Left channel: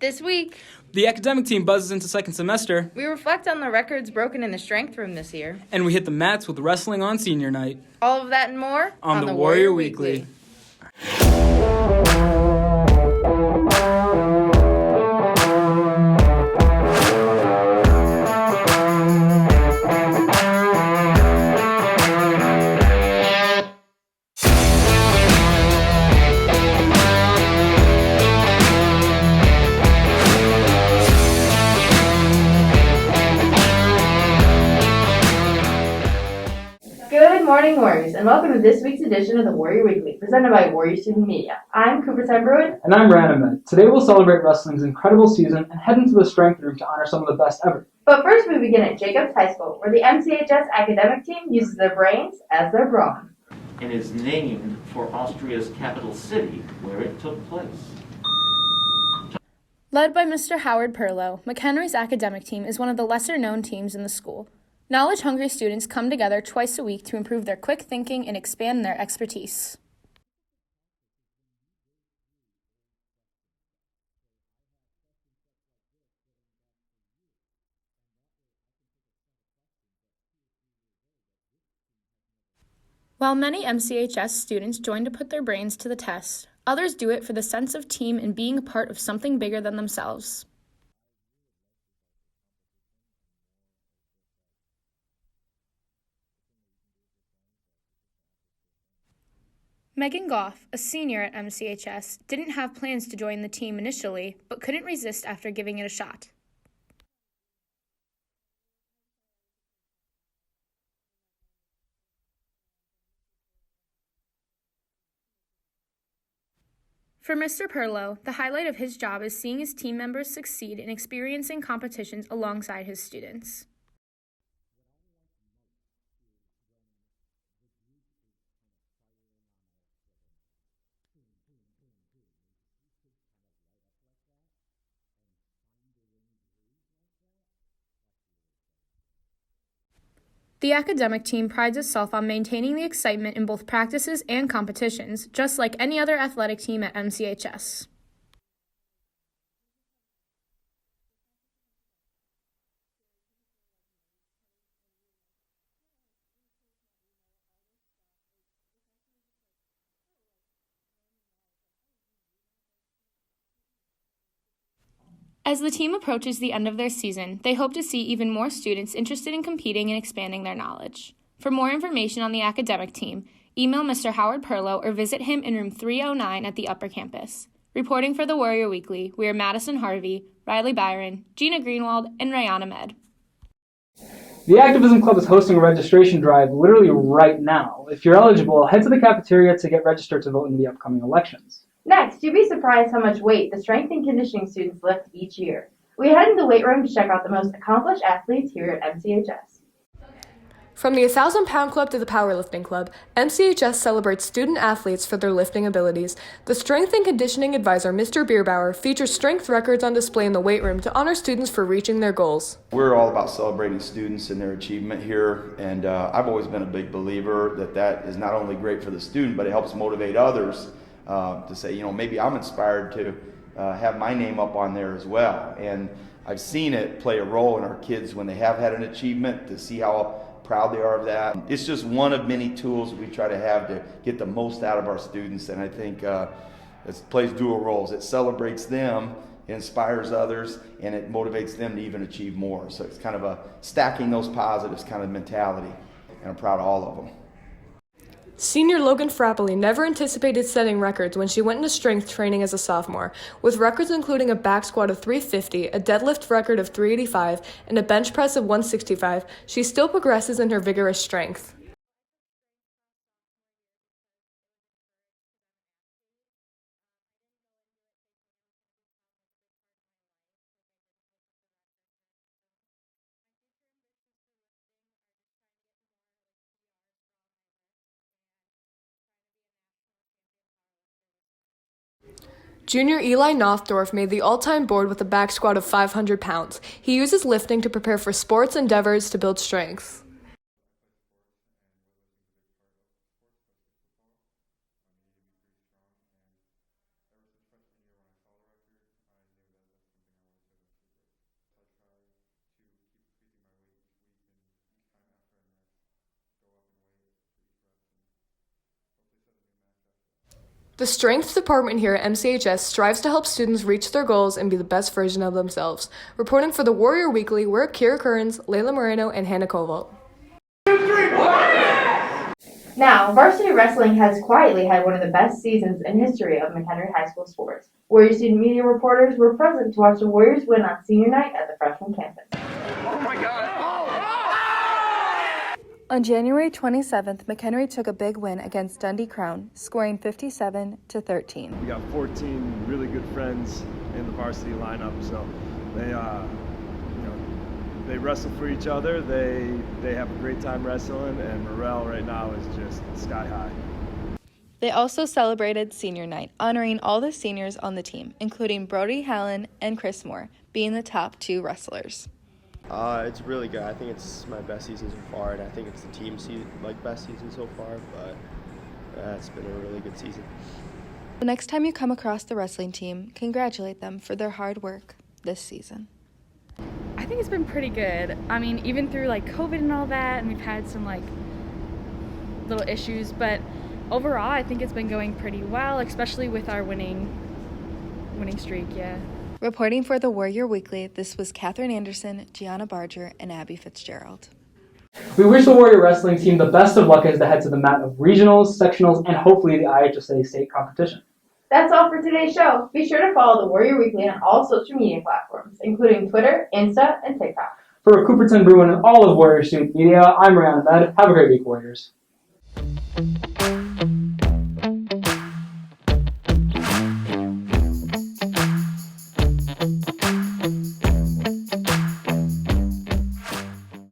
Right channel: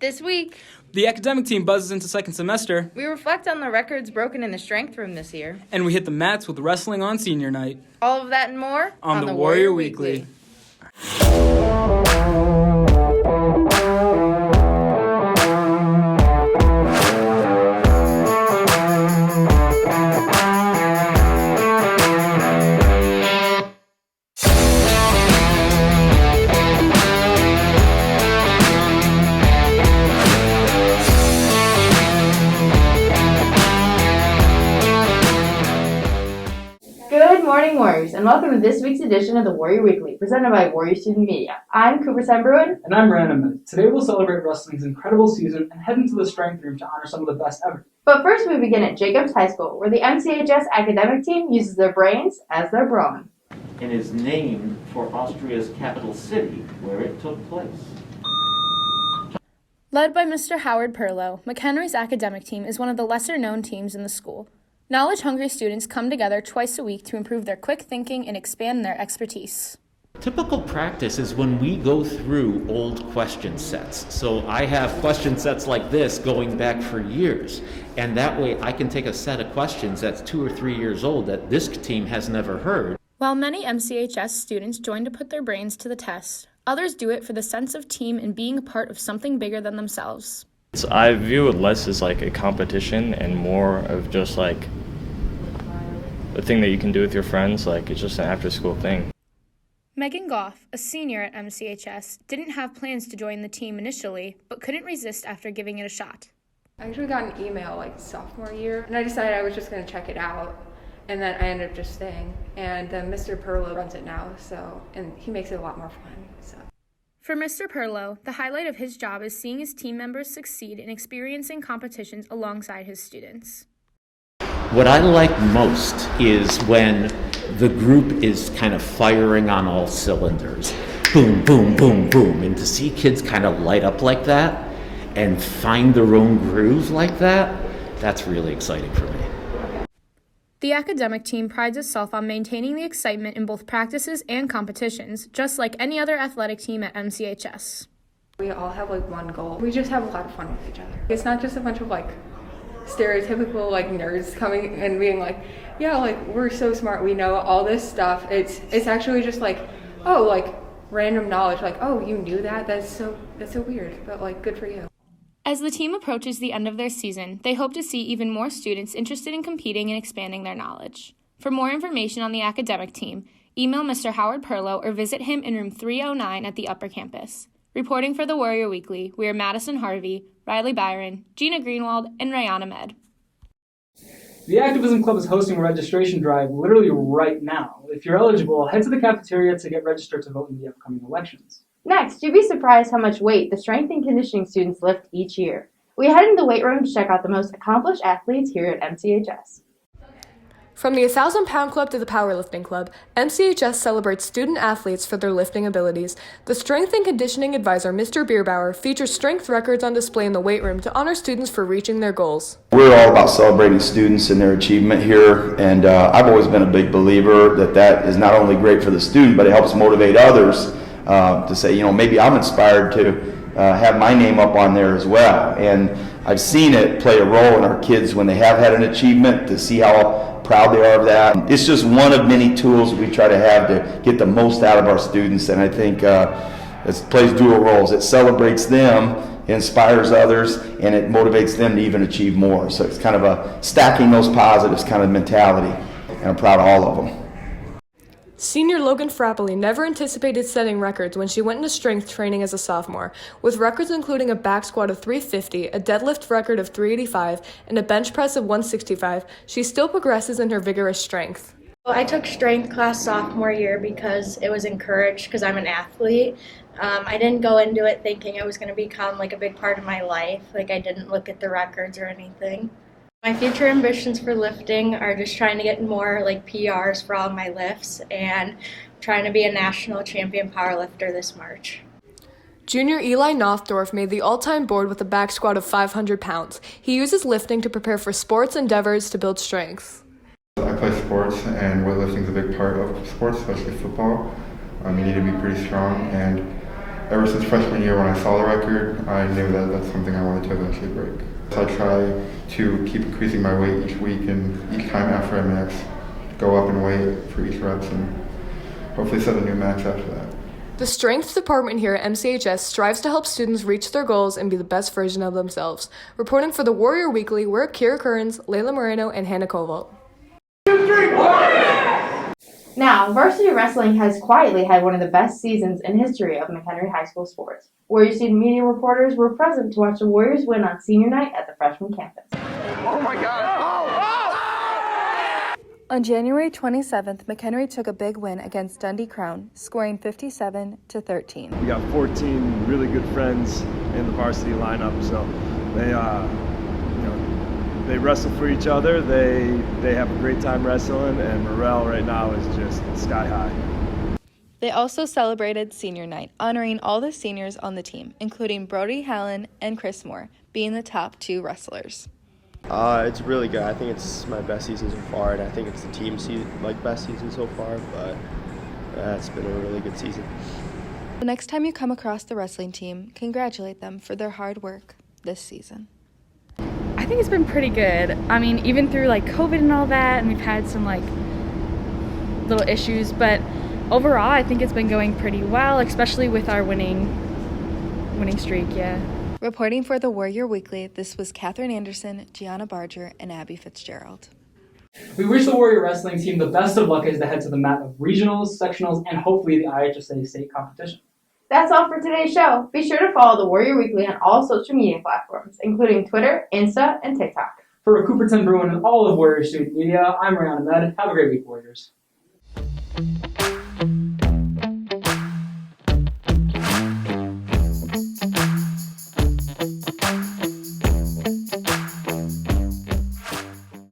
This week, the academic team buzzes into second semester, we reflect on the records broken in the strength room this year. and we hit the mats with wrestling on senior night. All of that and more On the Warrior Weekly. Good morning, Warriors, and welcome to this week's edition of the Warrior Weekly, presented by Warrior Student Media. I'm Cooper Bruin. And I'm Ryan Ahmed. Today we'll celebrate wrestling's incredible season and head into the strength room to honor some of the best ever. But first we begin at Jacobs High School, where the MCHS academic team uses their brains as their brawn. And is named for Austria's capital city, where it took place. Led by Mr. Howard Perlow, McHenry's academic team is one of the lesser-known teams in the school. Knowledge-hungry students come together twice a week to improve their quick thinking and expand their expertise. Typical practice is when we go through old question sets. So I have question sets like this going back for years. And that way I can take a set of questions that's 2 or 3 years old that this team has never heard. While many MCHS students join to put their brains to the test, others do it for the sense of team and being a part of something bigger than themselves. I view it less as like a competition and more of just like a thing that you can do with your friends. Like it's just an after-school thing. Megan Goff, a senior at MCHS, didn't have plans to join the team initially, but couldn't resist after giving it a shot. I actually got an email like sophomore year, and I decided I was just going to check it out, and then I ended up just staying. And Mr. Perlow runs it now, and he makes it a lot more fun. So. For Mr. Perlow, the highlight of his job is seeing his team members succeed in experiencing competitions alongside his students. What I like most is when the group is kind of firing on all cylinders. Boom, boom, boom, boom. And to see kids kind of light up like that and find their own groove like that, that's really exciting for me. The academic team prides itself on maintaining the excitement in both practices and competitions, just like any other athletic team at MCHS. We all have like one goal. We just have a lot of fun with each other. It's not just a bunch of like stereotypical like nerds coming and being like, yeah, like we're so smart, we know all this stuff. It's actually just like, oh, like random knowledge, like, oh, you knew that? That's so weird, but like good for you. As the team approaches the end of their season, they hope to see even more students interested in competing and expanding their knowledge. For more information on the academic team, email Mr. Howard Perlow or visit him in room 309 at the upper campus. Reporting for the Warrior Weekly, we are Madison Harvey, Riley Byron, Gina Greenwald, and Ryan Ahmed. The Activism Club is hosting a registration drive literally right now. If you're eligible, head to the cafeteria to get registered to vote in the upcoming elections. Next, you'd be surprised how much weight the strength and conditioning students lift each year. We head in the weight room to check out the most accomplished athletes here at MCHS. From the 1,000-pound club to the powerlifting club, MCHS celebrates student athletes for their lifting abilities. The strength and conditioning advisor, Mr. Bierbauer, features strength records on display in the weight room to honor students for reaching their goals. We're all about celebrating students and their achievement here, and I've always been a big believer that is not only great for the student, but it helps motivate others to say, you know, maybe I'm inspired to have my name up on there as well. And I've seen it play a role in our kids when they have had an achievement, to see how proud they are of that. It's just one of many tools we try to have to get the most out of our students, and I think it plays dual roles. It celebrates them, it inspires others, and it motivates them to even achieve more. So it's kind of a stacking those positives kind of mentality, and I'm proud of all of them. Senior Logan Frappoli never anticipated setting records when she went into strength training as a sophomore, with records including a back squat of 350, a deadlift record of 385, and a bench press of 165. She still progresses in her vigorous strength. I took strength class sophomore year because it was encouraged because I'm an athlete. I didn't go into it thinking it was going to become like a big part of my life. Like I didn't look at the records or anything. My future ambitions for lifting are just trying to get more like PRs for all my lifts and trying to be a national champion powerlifter this March. Junior Eli Nothdorf made the all-time board with a back squat of 500 pounds. He uses lifting to prepare for sports endeavors to build strength. I play sports, and weightlifting is a big part of sports, especially football. You need to be pretty strong, and ever since freshman year when I saw the record, I knew that that's something I wanted to eventually break. So I try to keep increasing my weight each week, and each time after I max, go up in weight for each reps and hopefully set a new max after that. The strength department here at MCHS strives to help students reach their goals and be the best version of themselves. Reporting for the Warrior Weekly, we're Kira Kearns, Layla Moreno, and Hannah Koval. Now, varsity wrestling has quietly had one of the best seasons in history of McHenry High School sports. Warrior student media reporters were present to watch the Warriors win on senior night at the freshman campus. Oh my God! On January 27th, McHenry took a big win against Dundee Crown, scoring 57-13. We got 14 really good friends in the varsity lineup, so they wrestle for each other. They have a great time wrestling, and morale right now is just sky high. They also celebrated senior night, honoring all the seniors on the team, including Brody Hallen and Chris Moore, being the top 2 wrestlers. It's really good. I think it's my best season so far, and I think it's the team's best season so far, but it's been a really good season. The next time you come across the wrestling team, congratulate them for their hard work this season. I think it's been pretty good. I mean, even through COVID and all that, and we've had some little issues, but overall I think it's been going pretty well, especially with our winning streak, yeah. Reporting for the Warrior Weekly, this was Katherine Anderson, Gianna Barger, and Abby Fitzgerald. We wish the Warrior wrestling team the best of luck as they head to the mat of regionals, sectionals, and hopefully the IHSA state competition. That's all for today's show. Be sure to follow the Warrior Weekly on all social media platforms, including Twitter, Insta, and TikTok. For Cooperton, Bruin, and all of Warrior student media, I'm Ryan Ahmed. Have a great week, Warriors.